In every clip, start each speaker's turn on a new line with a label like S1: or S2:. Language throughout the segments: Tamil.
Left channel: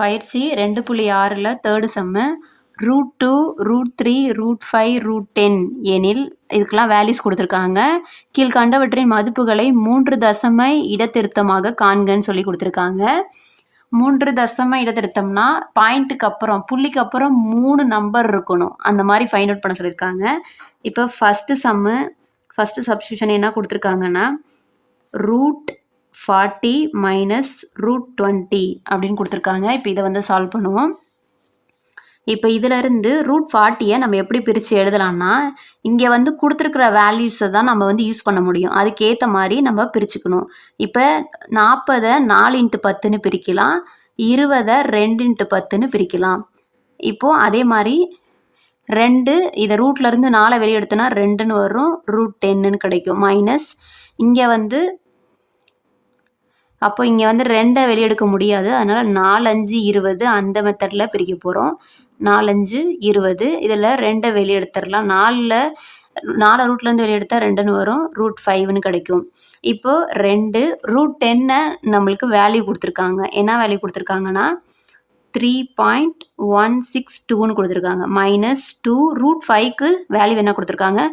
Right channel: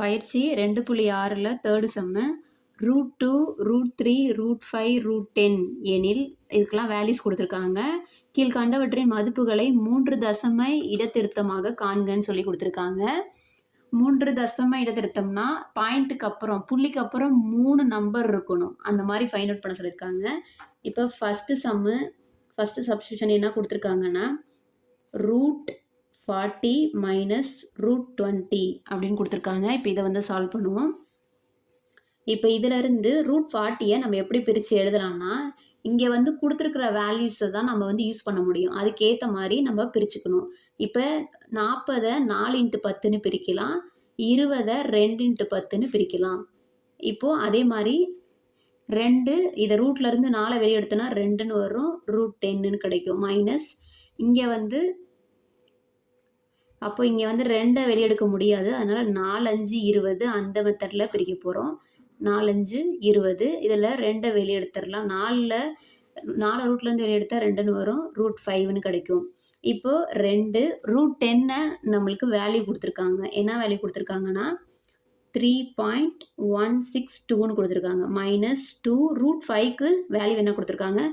S1: பயிற்சி ரெண்டு புள்ளி ஆறில் third sem root two root three root five root ten எனில் இதுக்கெல்லாம் வேல்யூஸ் கொடுத்துருக்காங்க. கீழ்கண்டவற்றின் மதிப்புகளை மூன்று தசம இடத்திருத்தமாக காண்கன்னு சொல்லி கொடுத்துருக்காங்க. மூன்று தசம இடத்திருத்தம்னா பாயிண்ட்டுக்கு அப்புறம் புள்ளிக்கு அப்புறம் மூணு நம்பர் இருக்கணும். அந்த மாதிரி ஃபைண்ட் அவுட் பண்ண சொல்லியிருக்காங்க. இப்போ ஃபஸ்ட்டு சம்மு ஃபஸ்ட்டு சப்ஸ்டியூஷன் என்ன கொடுத்துருக்காங்கன்னா root forty minus root twenty அப்படின்னு கொடுத்துருக்காங்க. இப்போ இதை வந்து சால்வ் பண்ணுவோம். இப்போ இதிலிருந்து ரூட் ஃபார்ட்டியை நம்ம எப்படி பிரித்து எழுதலாம்னா இங்கே வந்து கொடுத்துருக்குற வேல்யூஸை தான் நம்ம வந்து யூஸ் பண்ண முடியும். அதுக்கேற்ற மாதிரி நம்ம பிரிச்சுக்கணும். இப்போ நாற்பதை நாலு இன்ட்டு பத்துன்னு பிரிக்கலாம். இருபதை ரெண்டு இன்ட்டு பத்துன்னு பிரிக்கலாம். இப்போது அதே மாதிரி ரெண்டு இதை ரூட்லேருந்து நாலை வெளியே எடுத்தோன்னா ரெண்டுன்னு வரும். ரூட் டென்னுன்னு கிடைக்கும். மைனஸ் இங்கே வந்து அப்போ இங்கே வந்து ரெண்டை வெளியெடுக்க முடியாது. அதனால் நாலஞ்சு இருபது அந்த மெத்தடில் பிரிக்க போகிறோம் நாலஞ்சு இருபது இதில் ரெண்டை வெளியெடுத்துடலாம். நாலில் நாலு ரூட்லேருந்து வெளியெடுத்தால் ரெண்டுன்னு வரும். ரூட் ஃபைவ்னு கிடைக்கும். இப்போது ரெண்டு ரூட் டென்னை நம்மளுக்கு வேல்யூ கொடுத்துருக்காங்க. என்ன வேல்யூ கொடுத்துருக்காங்கன்னா த்ரீ பாயிண்ட் ஒன் சிக்ஸ் டூன்னு கொடுத்துருக்காங்க. மைனஸ் டூ ரூட் ஃபைவ்க்கு வேல்யூ என்ன கொடுத்துருக்காங்க?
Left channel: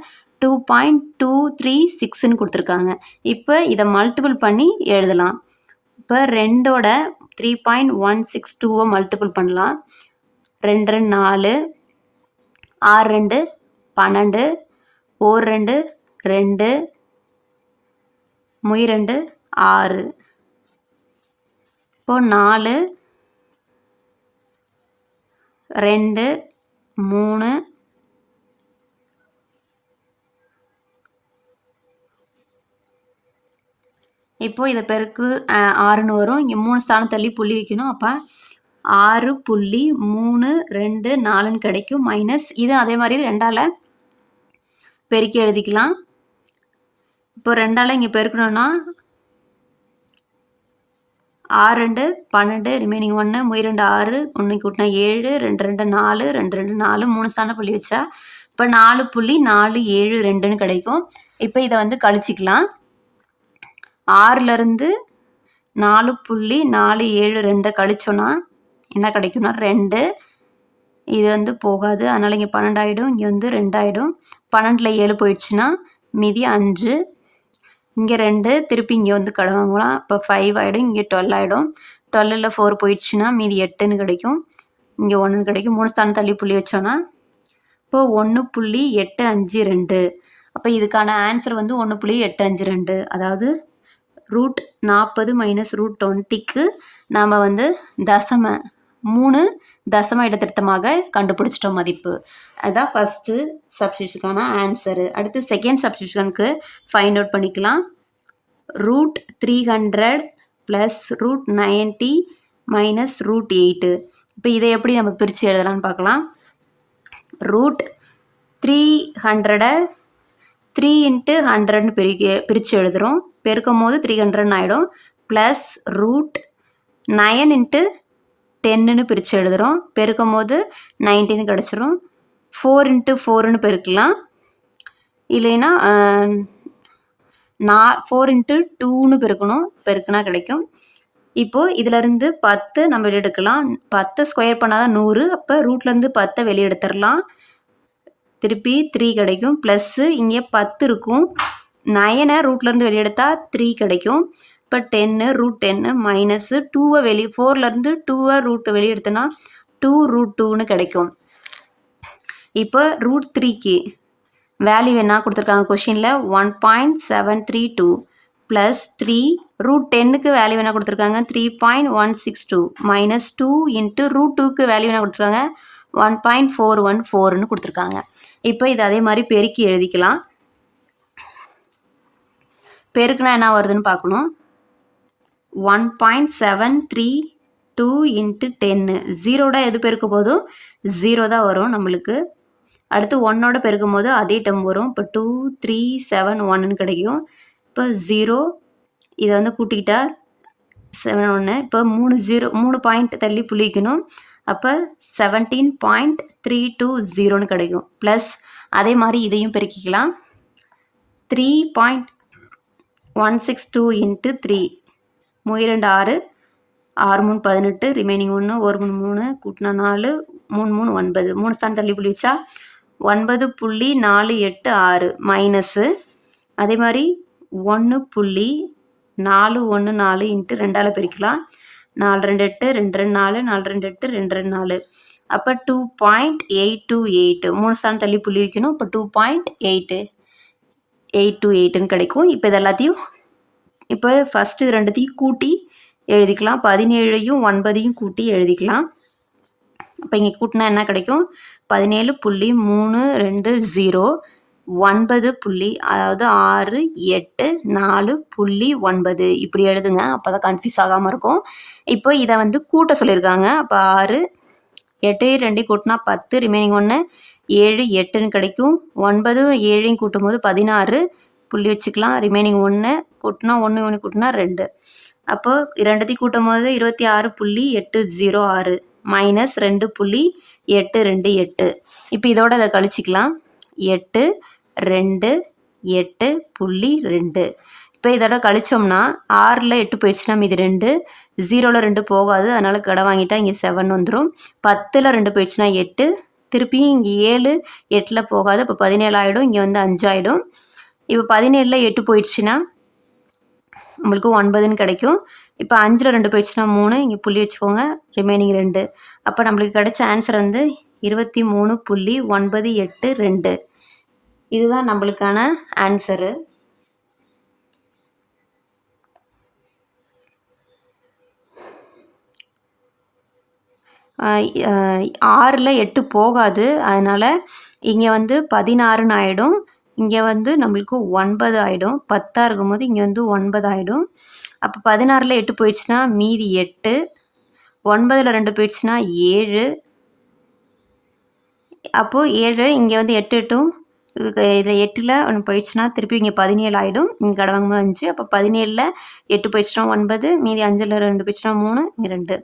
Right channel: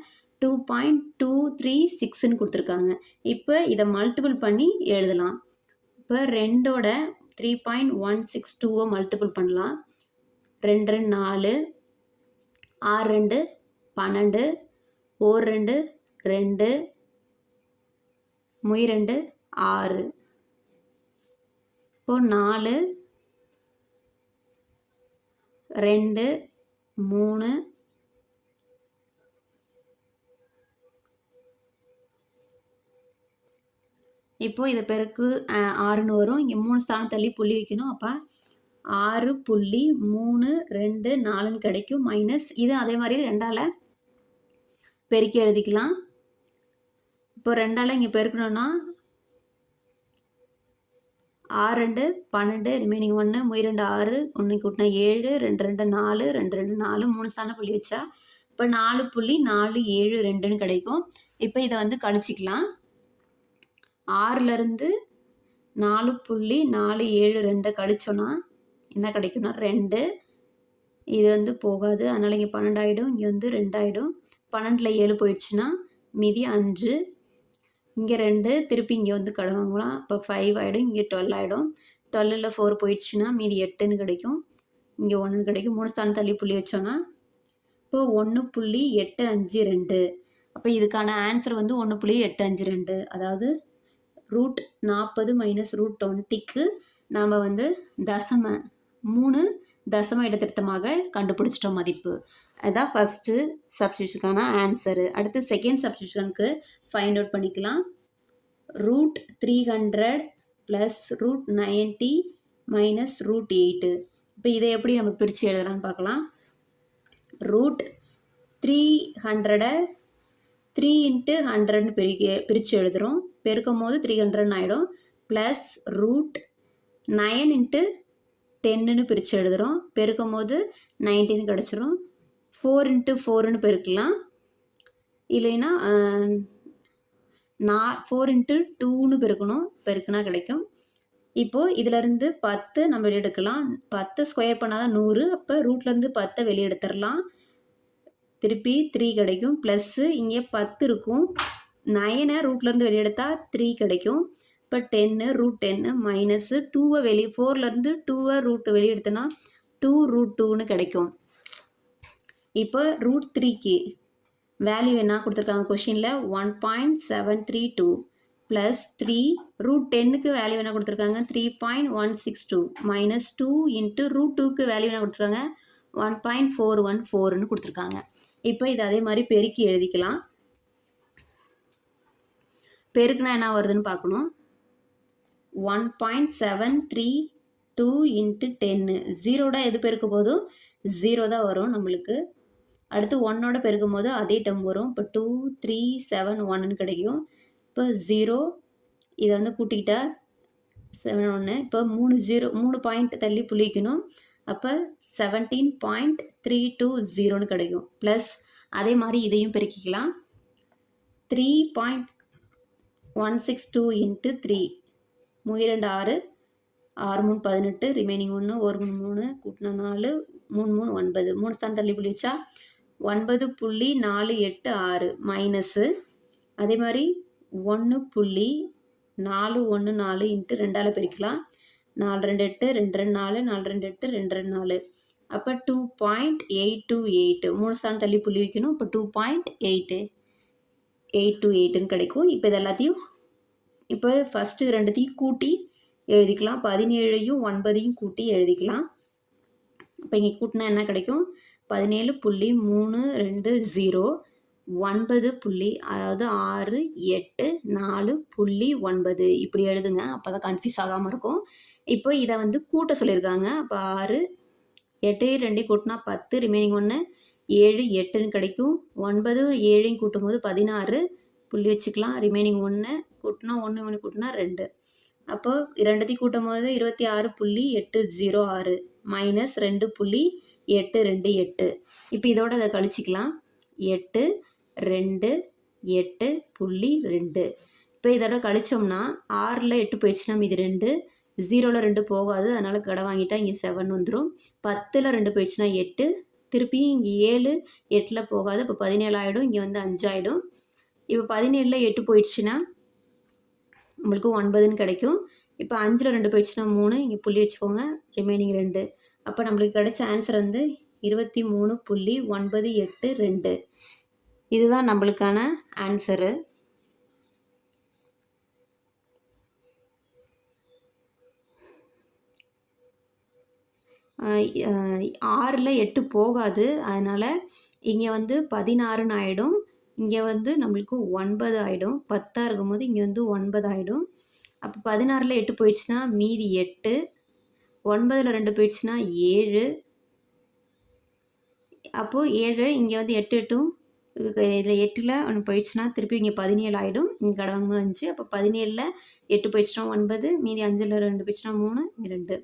S1: டூ பாயிண்ட் டூ த்ரீ சிக்ஸ்ன்னு கொடுத்துருக்காங்க. இப்போ இதை மல்டிபிள் பண்ணி எழுதலாம். இப்போ ரெண்டோட த்ரீ பாயிண்ட் ஒன் சிக்ஸ் டூவை மல்டிபிள் பண்ணலாம். ரெண்டு ரெண்டு நாலு ஆறு ரெண்டு பன்னெண்டு ஓர் ரெண்டு ரெண்டு முய் ரெண்டு ஆறு. இப்போ நாலு ரெண்டு மூணு இப்போ இதை பெருக்கு ஆறுன்னு வரும். இங்கே மூணு ஸ்தானம் தள்ளி புள்ளி வைக்கணும். அப்போ ஆறு புள்ளி மூணு ரெண்டு நாலுன்னு கிடைக்கும். மைனஸ் இது அதே மாதிரி ரெண்டால் பெருக்கி எழுதிக்கலாம். இப்போ ரெண்டால் இங்கே பெருக்கணும்னா ஆறு ரெண்டு பன்னெண்டு ரிமைனிங் ஒன்று முய் ரெண்டு ஆறு ஒன்று கூட்டினா ஏழு ரெண்டு ரெண்டு நாலு ரெண்டு ரெண்டு நாலு மூணு ஸ்தான புள்ளி வச்சா இப்போ நாலு புள்ளி நாலு ஏழு ரெண்டுன்னு கிடைக்கும். இப்போ இதை வந்து கழிச்சிக்கலாம். ஆறுலேருந்து நாலு புள்ளி நாலு ஏழு ரெண்டை கழிச்சோன்னா என்ன கிடைக்கும்னா ரெண்டு. இது வந்து போகாது. அதனால் இங்கே பன்னெண்டாயிடும் இங்கே வந்து ரெண்டாயிடும். பன்னெண்டில் ஏழு போயிடுச்சுன்னா மீதி அஞ்சு. இங்கே ரெண்டு திருப்பி இங்கே வந்து கடை இப்போ ஃபைவ் ஆகிடும் இங்கே டுவெல் ஆகிடும் டுவெல்லில் ஃபோர் போயிடுச்சுன்னா மீதி எட்டுன்னு கிடைக்கும். இங்கே ஒன்றுன்னு கிடைக்கும். மூணு ஸ்தானம் தள்ளி புள்ளி வச்சோன்னா இப்போ ஒன்று புள்ளி எட்டு அஞ்சு ரெண்டு. அப்போ இதுக்கான ஆன்சர் வந்து ஒன்று புள்ளி எட்டு அஞ்சு ரெண்டு. அதாவது ரூட் நாற்பது மைனஸ் ரூட் டுவெண்ட்டிக்கு நாம் வந்து தசம மூணு தசம இடத்திருத்தமாக கண்டுபிடிச்சிட்டோம் மதிப்பு. அதுதான் ஃபஸ்ட்டு சப்ஸ்டியூஷனுக்கான ஆன்சரு அடுத்து செகண்ட் சப்ஸ்டியூஷனுக்கு ஃபைண்ட் அவுட் பண்ணிக்கலாம். Root three hundred plus root ninety minus root eight இப்போ இதை எப்படி நம்ம பிரித்து எழுதலாம்னு பார்க்கலாம். ரூட் த்ரீ ஹண்ட்ரடை த்ரீ இன்ட்டு ஹண்ட்ரட்னு பிரிக்க பிரித்து எழுதுகிறோம் பெருக்கும் போது த்ரீ ஹண்ட்ரட்னு ஆகிடும் ப்ளஸ் ரூட் நயன் இன்ட்டு டென்னுன்னு பிரித்து எழுதுகிறோம் பெருக்கும் போது நைன்டீன் கிடச்சிரும். ஃபோர் இன்ட்டு ஃபோருன்னு பெருக்கலாம். இல்லைன்னா நான் ஃபோர் இன்ட்டு டூன்னு பெருக்கணும். பெருக்குனா கிடைக்கும். இப்போது இதிலேருந்து பத்து நம்ம வெளியெடுக்கலாம் பத்து ஸ்கொயர் பண்ணால் தான் நூறு. அப்போ ரூட்லேருந்து பத்தை வெளியெடுத்துடலாம் திருப்பி த்ரீ கிடைக்கும். ப்ளஸ்ஸு இங்கே பத்து இருக்கும். நயனை ரூட்லேருந்து வெளியெடுத்தால் த்ரீ கிடைக்கும். இப்போ டென்னு ரூட் டென்னு மைனஸு டூவை வெளி ஃபோர்லேருந்து டூவை ரூட் வெளியெடுத்தோன்னா டூ ரூட் டூன்னு கிடைக்கும். இப்போ ரூட் த்ரீக்கு வேல்யூ என்ன கொடுத்துருக்காங்க கொஷினில் one point seven three two plus three root டென்னுக்கு வேல்யூ என்ன கொடுத்துருக்காங்க? Three point one six two minus two into root டூக்கு வேல்யூ என்ன கொடுத்துருக்காங்க? ஒன் பாயிண்ட் ஃபோர் ஒன் ஃபோர்னு கொடுத்துருக்காங்க. இப்போ இது அதே மாதிரி பெருக்கி எழுதிக்கலாம். பெருக்குனா என்ன வருதுன்னு பார்க்கணும். One point seven three two into ten. ஜீரோட எது பெருக்க போதும்? ஜீரோ தான் வரும் நம்மளுக்கு. அடுத்து ஒன்னோட பெருக்கும் போது அதே டம் வரும். இப்போ டூ த்ரீ செவன் ஒன்னு கிடைக்கும். இப்போ ஜீரோ இதை வந்து கூட்டிக்கிட்டா செவன் ஒன்று இப்போ மூணு ஜீரோ மூணு பாயிண்ட் தள்ளி புளிக்கணும். அப்போ செவன்டீன் பாயிண்ட் த்ரீ டூ ஜீரோன்னு கிடைக்கும். ப்ளஸ் அதே மாதிரி இதையும் பெருக்கிக்கலாம். Three point one six two into three இரண்டு ஆறு ஆறு மூணு பதினெட்டு ரிமைனிங் ஒன்று ஒரு மூணு மூணு கூட்டினா நாலு மூணு மூணு ஒன்பது. மூணு ஸ்தான் தள்ளி புள்ளி வச்சா ஒன்பது புள்ளி நாலு எட்டு ஆறு மைனஸு அதே மாதிரி ஒன்று புள்ளி நாலு ஒன்று நாலு இன்ட்டு ரெண்டால் பிரிக்கலாம் நாலு ரெண்டு எட்டு ரெண்டு ரெண்டு நாலு நாலு ரெண்டு எட்டு ரெண்டு ரெண்டு நாலு. அப்போ two point eight two eight மூணு ஸ்தான் தள்ளி புள்ளி வைக்கணும். இப்போ two point eight eight two எயிட்டுன்னு கிடைக்கும். இப்போ இது எல்லாத்தையும் இப்போ ஃபஸ்ட்டு இது ரெண்டுத்தையும் கூட்டி எழுதிக்கலாம். பதினேழையும் ஒன்பதையும் கூட்டி எழுதிக்கலாம். இப்போ இங்கே கூட்டினா என்ன கிடைக்கும்? பதினேழு புள்ளி மூணு ரெண்டு ஜீரோ ஒன்பது புள்ளி அதாவது ஆறு எட்டு நாலு புள்ளி ஒன்பது. இப்படி எழுதுங்க அப்போ தான் கன்ஃபியூஸ் ஆகாமல் இருக்கும். இப்போ இதை வந்து கூட்ட சொல்லியிருக்காங்க. அப்போ ஆறு எட்டு ரெண்டையும் கூட்டினா பத்து ரிமைனிங் ஒன்று ஏழு எட்டுன்னு கிடைக்கும். ஒன்பது ஏழையும் கூட்டும் போது பதினாறு. புள்ளி வச்சுக்கலாம். ரிமைனிங் ஒன்று கூட்டினா ஒன்று ஒன்று கூட்டினா ரெண்டு. அப்போது இரண்டத்தையும் கூட்டும் போது இருபத்தி ஆறு புள்ளி எட்டு ஜீரோ ஆறு. மைனஸ் ரெண்டு புள்ளி எட்டு ரெண்டு எட்டு. இப்போ இதோட அதை கழிச்சிக்கலாம். எட்டு ரெண்டு எட்டு புள்ளி ரெண்டு. இப்போ இதோட கழிச்சோம்னா ஆறில் எட்டு போயிடுச்சுன்னா மீதி ரெண்டு. ஜீரோவில் ரெண்டு போகாது. அதனால் கடை வாங்கிட்டா இங்கே செவன் வந்துடும் பத்தில் ரெண்டு போயிடுச்சுன்னா எட்டு. திருப்பியும் இங்கே ஏழு எட்டில் போகாது. இப்போ பதினேழு ஆகிடும் இங்கே வந்து அஞ்சாயிடும். இப்போ பதினேழில் எட்டு போயிடுச்சுன்னா உங்களுக்கு ஒன்பதுன்னு கிடைக்கும். இப்போ அஞ்சில் ரெண்டு போயிடுச்சுன்னா மூணு இங்கே புள்ளி வச்சுக்கோங்க ரிமைனிங் ரெண்டு. அப்போ நம்மளுக்கு கிடைச்ச ஆன்சர் வந்து இருபத்தி மூணு புள்ளி ஒன்பது எட்டு ரெண்டு. இதுதான் நம்மளுக்கான ஆன்சரு ஆறில் எட்டு போகாது. அதனால் இங்கே வந்து பதினாறுன்னு ஆகிடும் இங்கே வந்து நம்மளுக்கு ஒன்பது ஆகிடும் பத்தாக இருக்கும்போது இங்கே வந்து ஒன்பது ஆகிடும் அப்போ பதினாறில் எட்டு போயிடுச்சுன்னா மீதி எட்டு. ஒன்பதில் ரெண்டு போயிடுச்சுன்னா ஏழு. அப்போது ஏழு இங்கே வந்து எட்டு எட்டும் இதில் எட்டில் ஒன்று போயிடுச்சுன்னா திருப்பி இங்கே பதினேழு ஆகிடும் இங்கே கடவங்க அஞ்சு. அப்போ பதினேழில் எட்டு போயிடுச்சுன்னா ஒன்பது. மீதி அஞ்சில் ரெண்டு போயிடுச்சுன்னா மூணு. இங்கே ரெண்டு.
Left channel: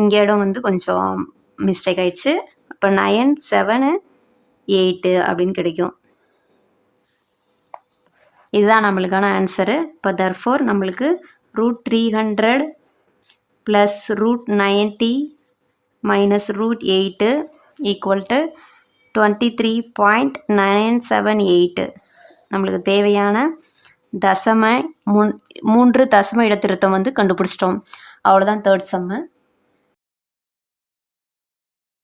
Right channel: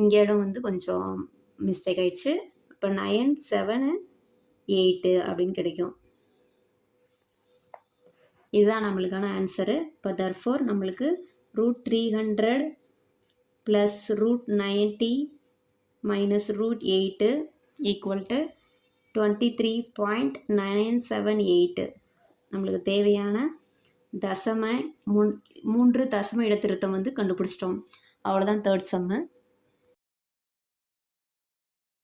S1: இங்கே இடம் வந்து கொஞ்சம் மிஸ்டேக் ஆயிடுச்சு. அப்போ நயன் செவனு எயிட்டு அப்படின்னு கிடைக்கும். இதுதான் நம்மளுக்கான ஆன்சரு இப்போ தர்ஃபோர் நம்மளுக்கு root three hundred plus root ninety minus root eight equal to twenty three point nine seven eight நம்மளுக்கு தேவையான தசம முன் மூன்று தசம இடத்திருத்தம் வந்து கண்டுபிடிச்சிட்டோம். அவ்வளோதான் தேர்ட் செம்மு